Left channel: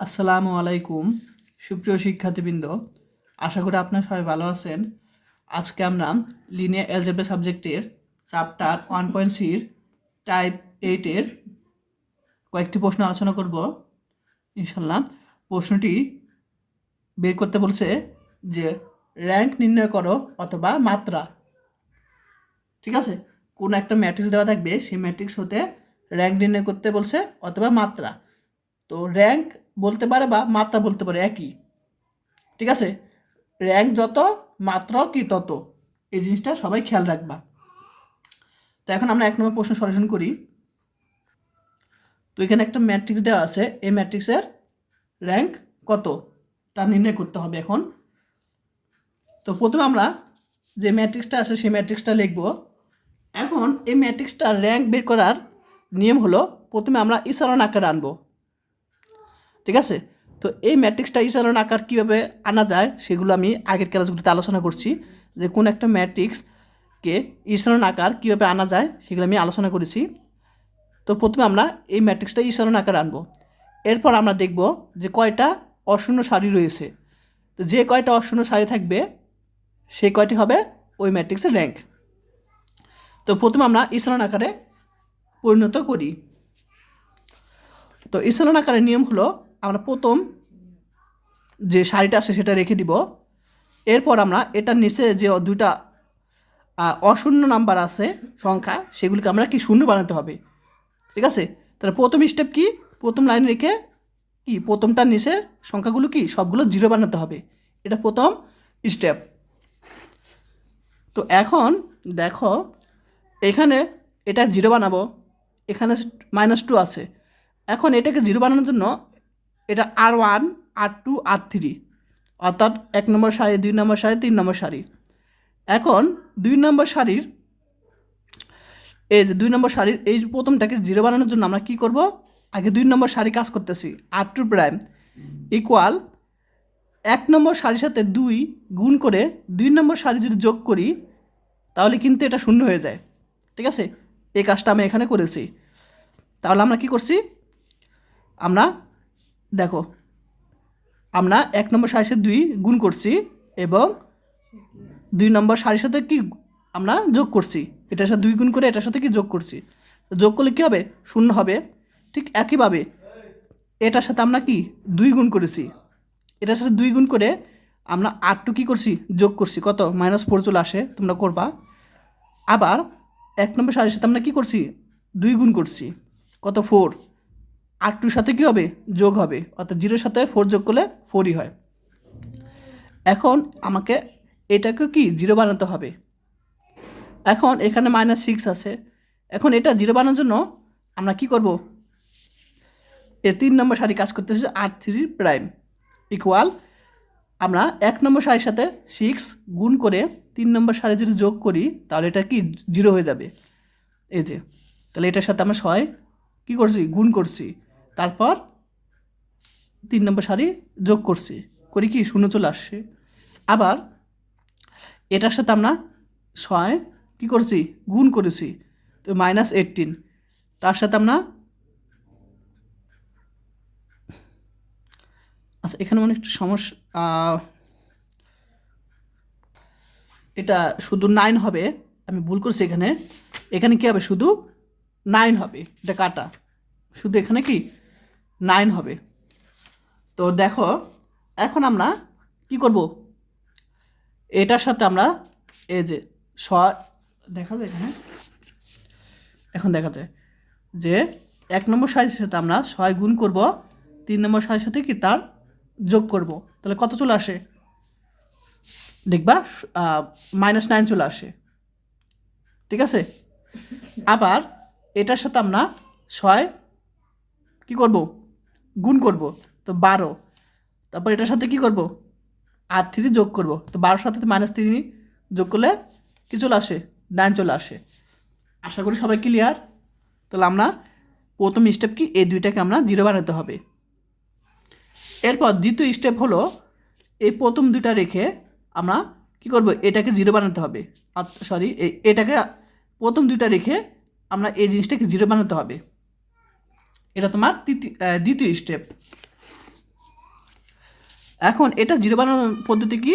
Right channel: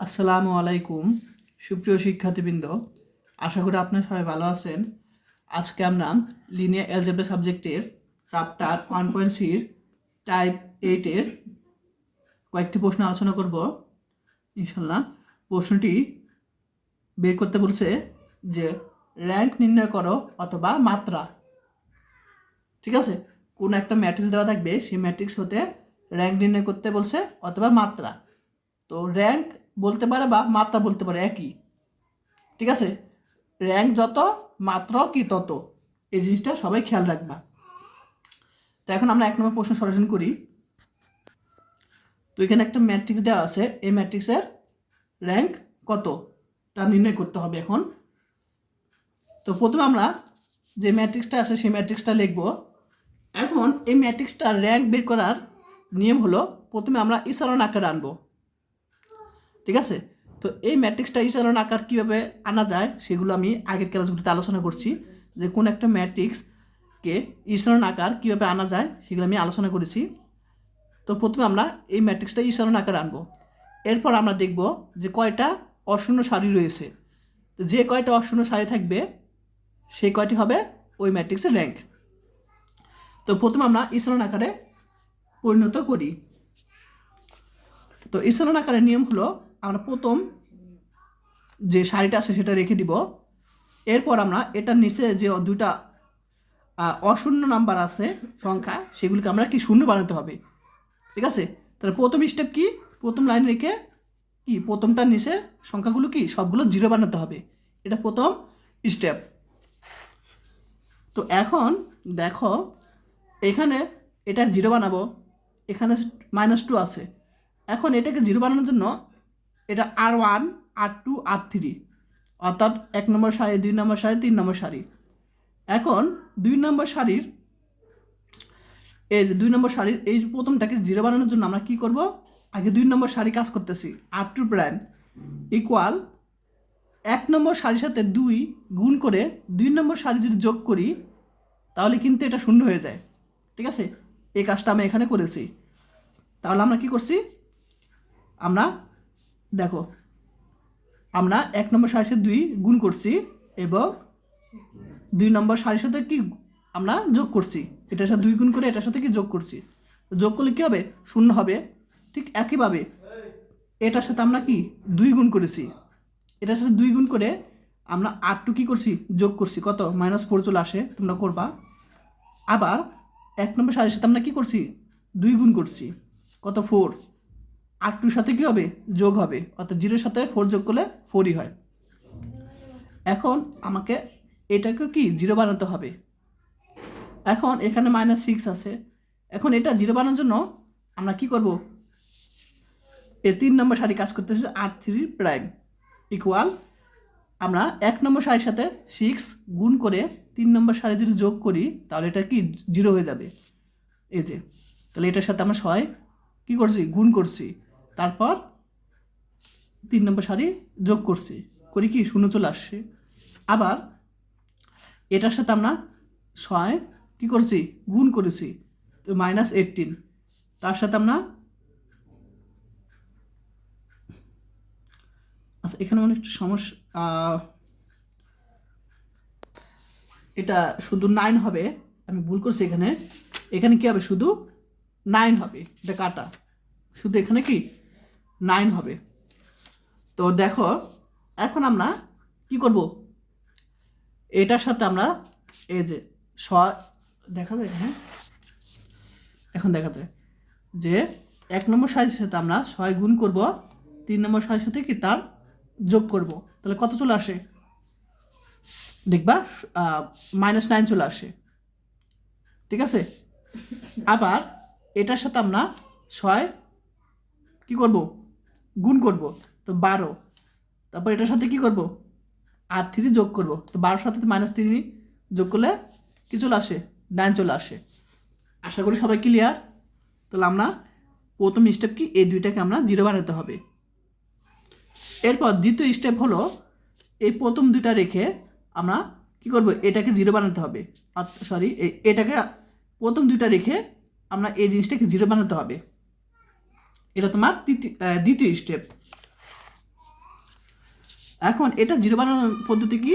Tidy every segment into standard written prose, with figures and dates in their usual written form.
আসসালামু আলাইকুম সুপ্রিয় শিক্ষার্থীবৃন্দ, আশা করি আপনারা সবাই ভালো আছেন। আজকে আমরা লিনিয়ার অ্যালজেব্রা সাবজেক্টের চ্যাপ্টার 1.3 টাইপ 8-এর কয়েকটি প্রশ্ন আলোচনা করব ইনশাল্লাহ। প্রশ্নটি বের করতে বলছে যে র্যাঙ্ক নির্ণয় করো অথবা মাত্রা। ঠিক আছে, কোনো একটা ম্যাট্রিক্স দেওয়া থাকবে, সেই ম্যাট্রিক্স হতে র্যাঙ্ক নির্ণয় করতে বলছে অথবা মাত্রা। তো র্যাঙ্ক বলতে পারে বা মাত্রা বলতে পারে একই। ঠিক আছে, র্যাঙ্ক যত মাত্রা কি তত, এই জিনিসটা সবাই খেয়াল রাখবা। তো এখন আমরা 1 নম্বর প্রশ্ন সলিউশন করি। তো এখানে একটা ম্যাট্রিক্স দেওয়া আছে, এই ম্যাট্রিক্সের র্যাঙ্ক কত তা নির্ণয় করতে হবে এখন। তো প্রথমে আমরা যে ম্যাট্রিক্সটা আছে সেই ম্যাট্রিক্সটা লিখব। এখন এই ম্যাট্রিক্সটার র্যাঙ্ক বের করার নিয়ম হলো, প্রথমে আমরা ইসারণ আকারে আনবো। ঠিক আছে, তো এই ম্যাট্রিক্সটা ইসারণ আকার কীভাবে আনা যায় সেগুলো আমি আগের ক্লাসগুলিতে আলোচনা করছি, যে কোন একটা ম্যাট্রিক্সকে ইসারণ আকার কীভাবে আনা যায় সেগুলো আমি আলোচনা করেছি। তো প্রথমে আমরা এই ম্যাট্রিক্সটা ইসারণ আকারে আনবো। এরপর আমরা দেখব যে কয়টা অশূন্য সারি রয়েছে। তো যে কয়টা অশূন্য সারি থাকবে সেই কয়টি হবে ওই ম্যাট্রিক্সের র্যাঙ্ক। তো প্রথমে আমরা ইসারণ আকারে পরিণত করি। তো ইসারণ আকারের নিয়ম হলো, আমরা প্রথম যে সারিটা আছে সেটা রেখে দিব। এরপর আমরা এটার নিচে যে দুইটা অশূন্য নাম্বার আছে সংখ্যা, সেগুলিকে আমরা কি শূন্য বানাতে হবে। ঠিক আছে, তাহলে প্রথম স্টেপ কি, প্রথম লাইন রেখে কি প্রথমটার নিচে সংখ্যাগুলো কি সবগুলো জিরো বানাতে হবে, এটা প্রথম স্টেপ। তো এখন দেখো, এখানে এটা জিরো বানাবো, এখানে -2 আছে। এখন এটাকে জিরো বানানোর জন্য এটা R1 R2 R3, অর্থাৎ 1 নম্বর সারি, 2 নম্বর সারি, 3 নম্বর সারি। এখন 2 নম্বর সারির এই যে 2 নম্বর সারির এই প্রথমটাকে জিরো বানানোর জন্য আমরা কি করব, আগে 2 নম্বর সারি কাজ করতেছি। R2 প্রাইম ইকুয়াল 1 নম্বর সারির সাথে 2 গুণ করে 2 নম্বর সারি যদি যোগ করি তাহলে কিন্তু এটা শূন্য হয়ে যায়। ঠিক আছে, এই কাজটা আমি এখানে করেছি। তাহলে আমরা কি করছি, আমরা দেখো আমরা 1 নম্বর সারির সাথে 2 গুণ করছি এবং 2 নম্বর সারির সাথে কি আমরা যোগ করছি, এটার সাথে 2 গুণ করে এটার সাথে কি যোগ করছি। যোগ করলে কী হবে, শূন্য হবে। ঠিক একইভাবে এটার সাথে আমরা কি 2 গুণ করেছি, এটার সাথে 2 গুণ করে আমরা R2 কী করছি, যোগ করছি, কত -4 চলে আসে, তোমরা করবা। আবার 1 নম্বর সারির সাথে আমরা কী করছি, 2 গুণ করছি, কত 4, R2 সাথে কী হবে, যোগ হবে, অর্থাৎ 0-র সাথে 4 যোগ করলে 4ই হয়। এখন আমাকে এটাকে কি জিরো বানাতে হবে। এখন এখানে -6 আছে, এখন এটা জিরো বানানোর জন্য আমরা কি করব, এর 3 নম্বর সারি কাজ করতেছে R3 প্রাইম ইকুয়াল, আমরা 1 নম্বর সারির সাথে 6 গুণ করে 3 নম্বর সারি যদি যোগ করি তাহলে এটা কি জিরো হয়ে যাবে। এই যে, তাহলে এটার সাথে আমরা 6 কী করছি, গুণ করছি, তারপর 3 নম্বর সারি যোগ করছি, করি কি শূন্য চলে আসছে। আবার এটার সাথে আমরা 6 কী করছি, গুণ করেছি, তো -18, তার সাথে আমরা আচ্ছা এখানে অনেক একটু সমস্যা, এটা শুধু 9 হবে, আমি ভুল করছি। এখানে এখানে কী হবে, শুধু 9 হবে, এটা কাটা, শুধু এখানে কি 9 হবে। তো দেখো এখন আমরা কি করব, এটার সাথে আমরা এই যে দেখা যায়, হ্যাঁ এখন দেখা যায় যে 1 নম্বর সারির সাথে আমরা 6 গুণ করব, 3 নম্বর সারির সাথে কি তার যোগ করব, তাহলে কত চলে আসে, দেখবা -9 চলে আসে। ঠিক আছে, আবার এটার সাথে আমরা 6 কী করব, গুণ করব, তো 12, তারপর এটার সাথে কি করব, R3 যোগ করব, তো 12-র সাথে -3 যোগ করলে কী চলে আসে, 9 চলে আসে। আশা করি সবাই ক্লিয়ার। তাহলে আমরা প্রথম স্টেপ কি, এই দুইটাকে আমরা জিরো বানাতে হবে। এরপর দ্বিতীয় স্টেপ হলো, এই প্রথম দুটা রেখে আমরা কি করব, এটাকে জিরো বানাতে হবে, সরি এটাকে প্রথম দুইটা রেখে আমরা এই জিনিসটাকে জিরো বানাতে হবে। এটা তোমার দ্বিতীয় স্টেপ। এখন এটা জিরো বানানোর পদ্ধতি কি,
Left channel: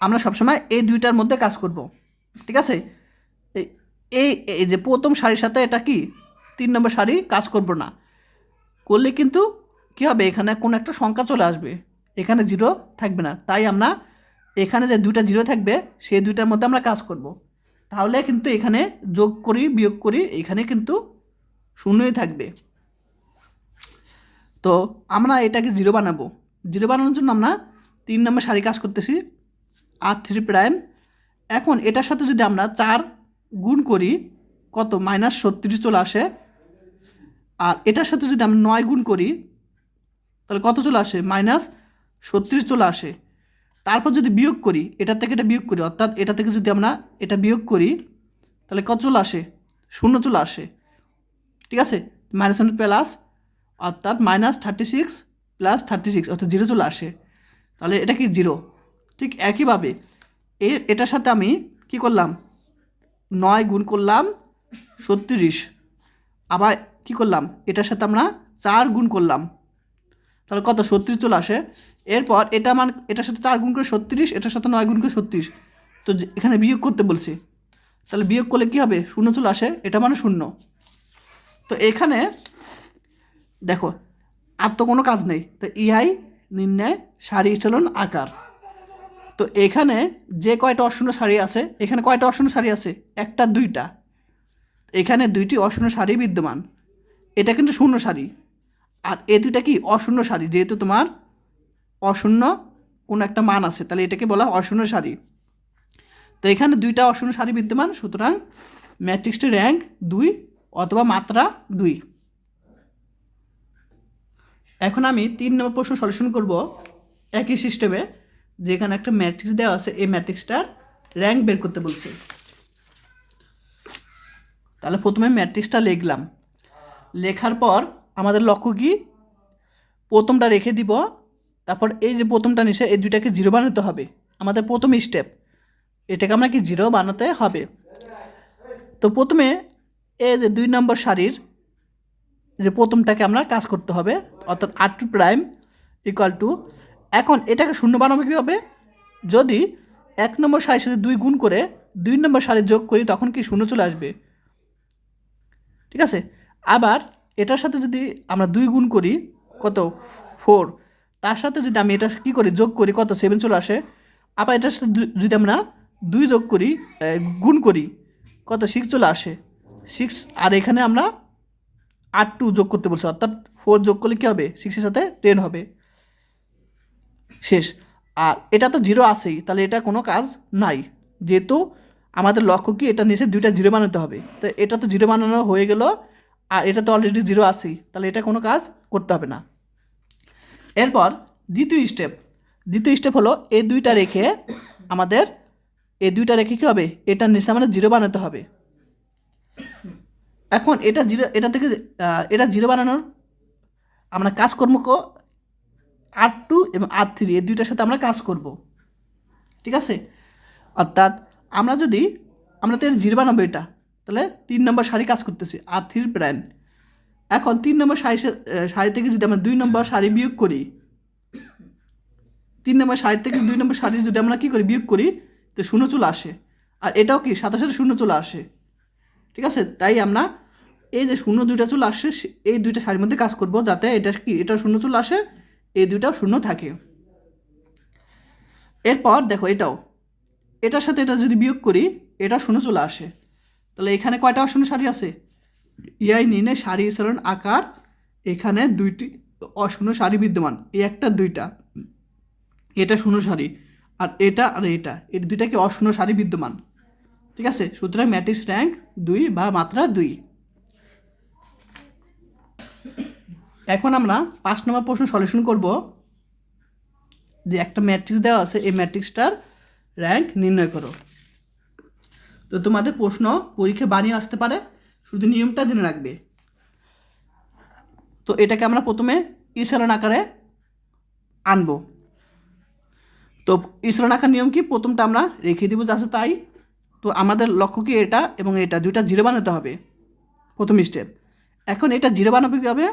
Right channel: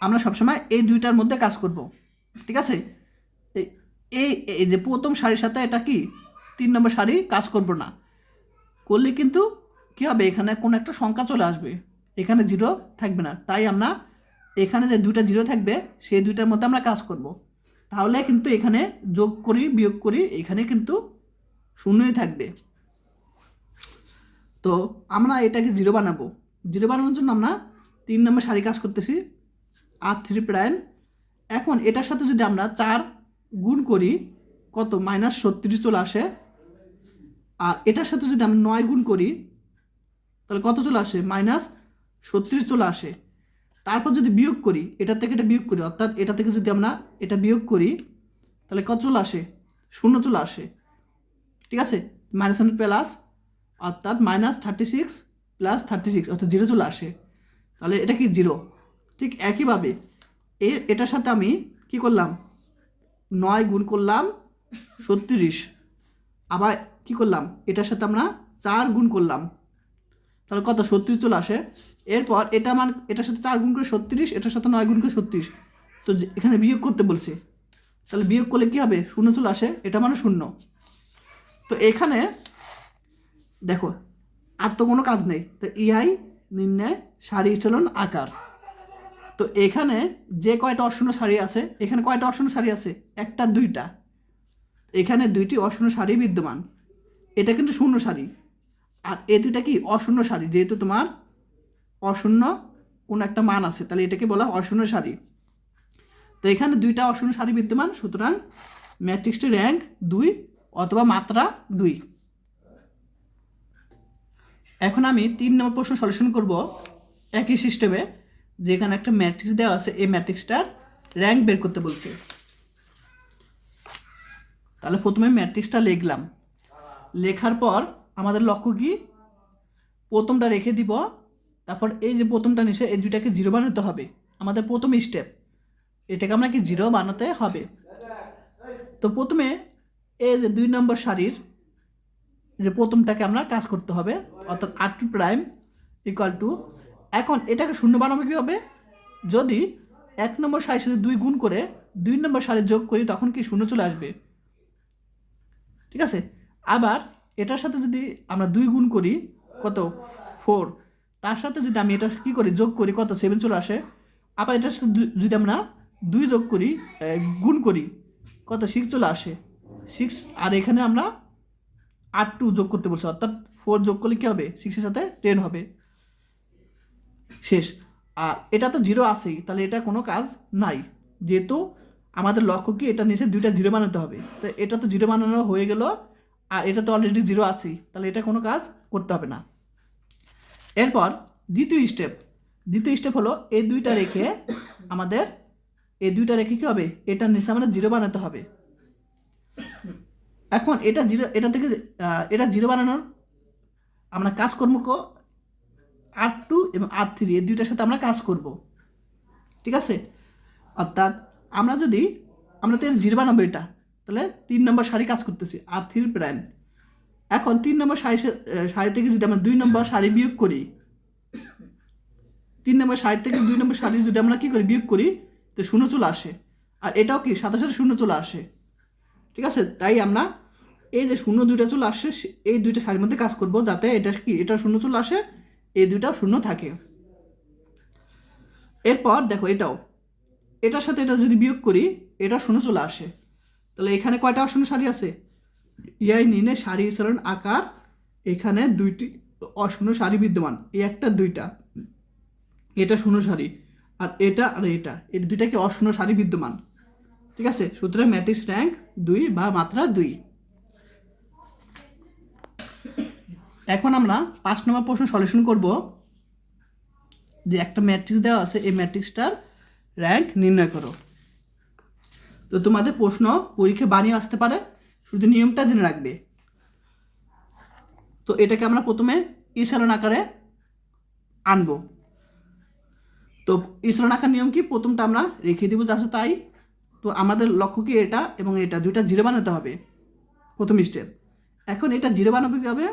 আমরা সবসময় এই দুইটার মধ্যে কাজ করব, ঠিক আছে। এই এই এই যে প্রথম সারির সাথে এটা কি 3 নম্বর সারি কাজ করব না, করলে কিন্তু কী হবে, এখানে কোনো একটা সংখ্যা চলে আসবে, এখানে জিরো থাকবে না। তাই আমরা এখানে যে দুইটা জিরো থাকবে সেই দুইটার মধ্যে আমরা কাজ করব, তাহলে কিন্তু এখানে যোগ করি বিয়োগ করি এখানে কিন্তু শূন্যই থাকবে। তো আমরা এটাকে জিরো বানাবো, জিরো বানানোর জন্য আমরা 3 নম্বর সারি কাজ করতেছি r3'। এখন এটার সাথে যদি আমরা 4 গুণ করি কত -36 চলে আসে, আর এটার সাথে যদি আমরা 9 গুণ করি তাহলে কত চলে আসে -36 চলে আসে। তারপর যদি বিয়োগ করি, এটা থেকে এটা বিয়োগ করি, অর্থাৎ এটা থেকে যদি আমরা এটা বিয়োগ করি তাহলে কত চলে আসে, 0 চলে আসে, ঠিক আছে। -100 প্লাস অর্থাৎ -36 প্লাস 36 অর্থাৎ 0 চলে আসে, তাহলে এটা কি 0। ঠিক একইভাবে এটার সাথে আমি কি করলাম 9 গুণ করলাম 36, আবার কি করলাম এটার সাথে আমরা 4 গুণ করলাম, তাহলে কত 36 চলে আসে। এরপর এটা এটার সাথে 4 গুণ করে 36, এটার সাথে 9 গুণ করে 36, তো এখানে বিয়োগ করতে বলছি, তাহলে বিয়োগ করলে কী হবে 0 চলে আসে, এটা মানে 0। তো এখানে দেখো আর তো কোনো কাজ নেই, তো ইহাই নির্ণয় সারি ইচলন আকার। তো এখানে যে কয়টা অশূন্য সারি আছে, এখানে কয়টা অশূন্য সারি আছে, একটা দুইটা, এখানে দুইটি অশূন্য সারি বিদ্যমান, এটা কিন্তু শূন্য সারি, আর এ দুইটা কি অশূন্য সারি, যেহেতু তোমার অশূন্য কোনো একটা মান আছে তাহলে এটাকে বলা অশূন্য সারি। তো এখানে দুইটা অশূন্য সারি বিদ্যমান, সুতরাং ম্যাট্রিক্সটির র্যাঙ্ক 2 অথবা মাত্রা 2। এখন আমি 3 নম্বর প্রশ্ন সলিউশন করব একই সিস্টেমে, যেখানে একটা ম্যাট্রিক্স দেওয়া আছে, এই ম্যাট্রিক্সটার র্যাঙ্ক বের করতে বলছে। তাহলে প্রথমে ম্যাট্রিক্সটা লিখলাম, লেখার পর আমাদের লক্ষ্য কি প্রথমটা রেখে দিব, তারপর এই যে প্রথমটা নিচে এই দুইটাকে জিরো বানাতে হবে, আমাদের প্রথম স্টেপ, এটাকে আমরা কি জিরো বানাতে হবে। তো প্রথমে এই যে 2 নম্বর সারির যে প্রথমটাকে আমরা কাজ করতে হবে, অর্থাৎ r2' = এখন এটাকে শূন্য বানাবো কীভাবে, যদি 1 নম্বর সারির সাথে 2 গুণ করে 2 নম্বর সারি যোগ করি তখন কি 0 চলে আসবে, ঠিক আছে। আবার এটার সাথে যদি আমরা 2 গুণ করি কত 4, তার সাথে যদি আমি এটা কী করি যোগ করি কত 7 চলে আসে। আবার এটার সাথে যদি আমরা 2 যোগ করি গুণ করি কত 6 চলে আসে 6, আর এখানে আমরা 8 যোগ করতে বলছি, অর্থাৎ 4 যোগ করলে কী হবে 6-এর সাথে 10 হবে, শেষ। আর এটা তো 0 আছেই, তাহলে এটা কোনো কাজ নাই, যেহেতু আমাদের লক্ষ্য কি এটা নিচে দুইটা 0 বানাতে হবে, তো এটা তো 0 বানানো হয়ে গেল, আর এটা তো অলরেডি 0 আছেই, তাহলে এটা কোনো কাজ করতে হবে না। এরপর দ্বিতীয় স্টেপ হলো এই দুইটা রেখে আমাদের কী হবে, এটার নিচে আমাদের 0 বানাতে হবে। এখন এটা 0, এটা থেকে এটা 0 বানানোর আমরা কাজকর্ম r2 এবং r3 এই দুইটার সাথে আমরা কাজ করব, ঠিক আছে। অর্থাৎ আমরা তো 0 বানাবো, এটা তাহলে 3 নম্বর সারি কাজ করতেছি r3'। এখন 3 নম্বর সারি থেকে যদি আমরা 2 নম্বর সারি বিয়োগ করি, 3 নম্বর সারি থেকে 2 নম্বর সারি যদি আমরা কী করি বিয়োগ করি, তো 0 চলে আসে, আর এটাও কি সাথে সাথে 0 চলে আসে, ঠিক আছে। তাই আমরা এই যে 0 দুইটা চলে আসে এই দুইটা সারির মধ্যে কাজ করব, যাতে এটাও 0 চলে আসে, এই দুইটাও 0 থাকে। এরপর দেখো এটার সাথে এটা যদি বিয়োগ করি এটা 0 চলে আসে, তাহলে এখানে কয়টা অশূন্য সারি আছে, ইহাই নির্ণয় সারি ইচলন আকার। এখানে 2টি অশূন্য সারি বিদ্যমান, এই একটা দুইটা, এটা শূন্য সারি, আর এটা এই দুইটা কি অশূন্য সারি বিদ্যমান, ঠিক আছে। সুতরাং ম্যাট্রিক্স র্যাঙ্ক 2 বা মাত্রা 2। এখন আমরা 5 নম্বর প্রশ্ন সলিউশন করব, যে একটা ম্যাট্রিক্স দেওয়া আছে, এই ম্যাট্রিক্সটার র্যাঙ্ক নির্ণয় করো। তো তোমাদের প্রশ্ন পরীক্ষা বানিয়ে আসতে পারে, শুধু নিয়মটা জেনে রাখবে। তো এটাকে আমরা প্রথমে ইচলন আকারে আনবো। তো ইচলন আকার নিয়ম কি, প্রথমটা আমরা রেখে দিব যা আছে তাই। তো আমাদের লক্ষ্য কি এটা এবং এটা দুইটা 0 বানাতে হবে, প্রথম স্টেপ। এখন এটা 0 বানাবে কীভাবে,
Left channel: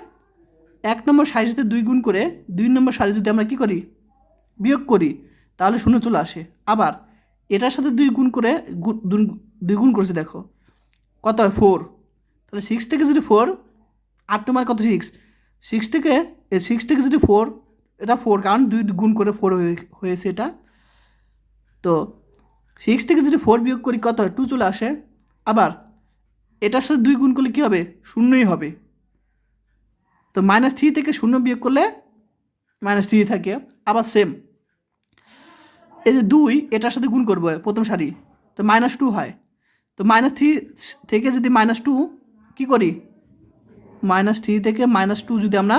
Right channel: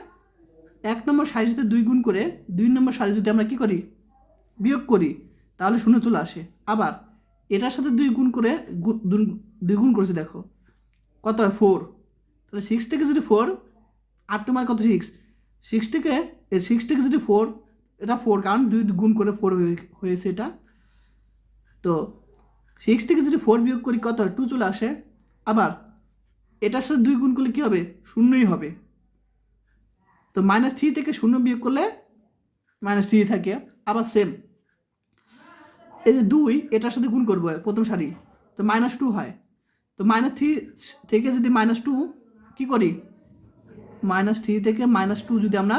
1 নম্বর সারির সাথে 2 গুণ করে 2 নম্বর সারি যদি আমরা কী করি বিয়োগ করি তাহলে শূন্য চলে আসে। আবার এটার সাথে 2 গুণ করে 2 গুণ করেছে, দেখো কত হয় 4। তাহলে 6 থেকে যদি 4, 8 মানে কত 6 থেকে 6 থেকে যদি 4, এটা 4 কারণ 2 গুণ করে 4 হয়েছে এটা। তো 6 থেকে যদি 4 বিয়োগ করি কত হয় 2 চলে আসে। আবার এটার সাথে 2 গুণ করলে কী হবে, শূন্যই হবে। তো -3 থেকে 0 বিয়োগ করলে -3 থাকে। আবার সেম এই যে 2 এটার সাথে গুণ করবো প্রথম সারি, তো -2 হয়। তো -3 থেকে যদি -2 কী করি, -3 থেকে -2 যদি আমরা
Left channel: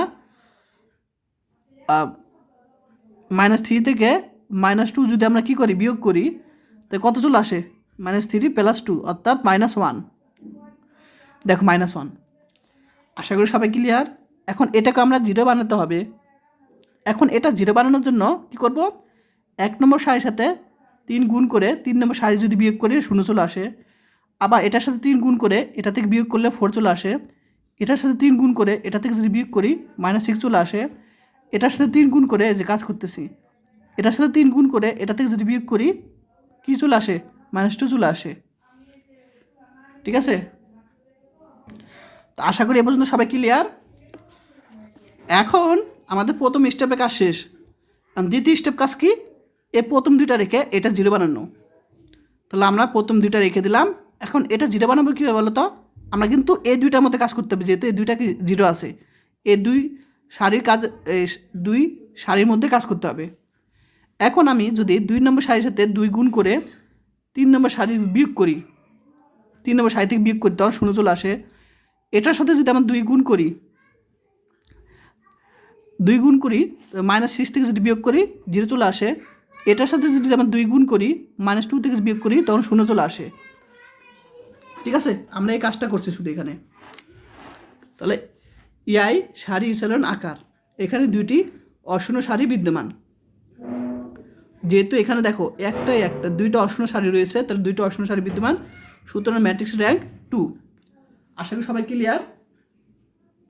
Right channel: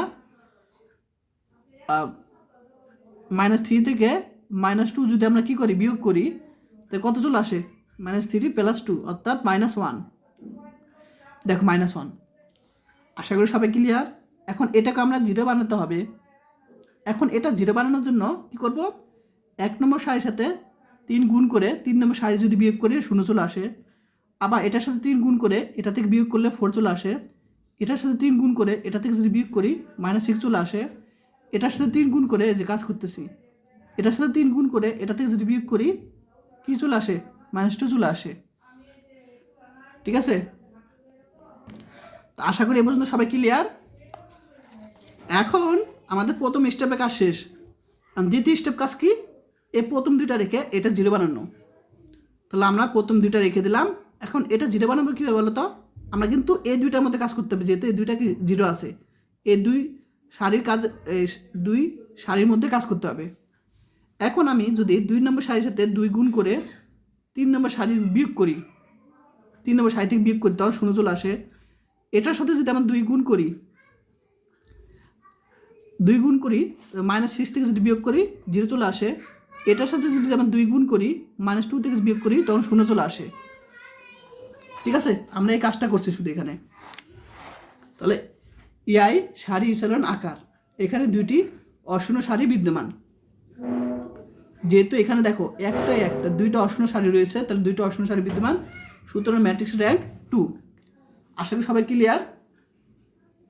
-3 থেকে -2 যদি আমরা কী করি, বিয়োগ করি, তো কত চলে আসে, -3 + 2 অর্থাৎ -1। দেখো -1। আশা করি সবাই ক্লিয়ার। এখন এটাকে আমরা 0 বানাতে হবে। এখন এটা 0 বানানোর জন্য কী করব, 1 নম্বর সারির সাথে 3 গুণ করে 3 নম্বর সারি যদি বিয়োগ করি 0 চলে আসে। আবার এটার সাথে 3 গুণ করে এটা থেকে বিয়োগ করলে 4 চলে আসে। এটার সাথে 3 গুণ করে এটা থেকে যদি বিয়োগ করি -6 চলে আসে। এটার সাথে 3 গুণ করে যে কাজ করতেছি, এটার সাথে 3 গুণ করে এটা থেকে যদি বিয়োগ করি কী চলে আসে, -2 চলে আসে। ঠিক আছে, তো আশা করি এ পর্যন্ত সবাই ক্লিয়ার। এখন আমাদের প্রথম স্টেপে কাজ শেষ। আর দ্বিতীয় স্টেপ কাজ কি, প্রথম দুইটা রেখে এটা 0 বানানো। তাহলে আমরা প্রথম দুইটা রেখে দিলাম। এখন এটা 0 বানাবো কীভাবে বলো তো, আমরা কিন্তু এই দুইটার মধ্যে কাজ করতে হবে, যেহেতু এই দুইটা কি 0 আছে, এই 2 সারির কাজ, 2 সারির মধ্যে কাজ করতে হবে। এখন আমি যদি 2 নম্বর সারির সাথে 2 গুণ করে 3 নম্বর সারি বিয়োগ করি, 3 নম্বর সারি থেকে বিয়োগ করি তখন 0 চলে আসে। এটার সাথে যদি আমরা 2 গুণ করি -6 থেকে যদি বিয়োগ করি 0 চলে আসে। এটার সাথে যদি আমরা 2 গুণ করি -2 থেকে বিয়োগ করি তখন 0 চলে আসে। ঠিক আছে, আমরা এই কাজটা করছি শুধু এখানে। তাহলে ইয়াই সারি ইসারণ আকার, এখানে 2টি অশূন্য সারি বিদ্যমান। যেহেতু এখানে দেখো একটা 2টা অশূন্য সারি রয়েছে, তাহলে 2টা অশূন্য সারি বিদ্যমান, সুতরাং ম্যাট্রিক্স র্যাঙ্ক 2। আশা করি সবাই ক্লিয়ার।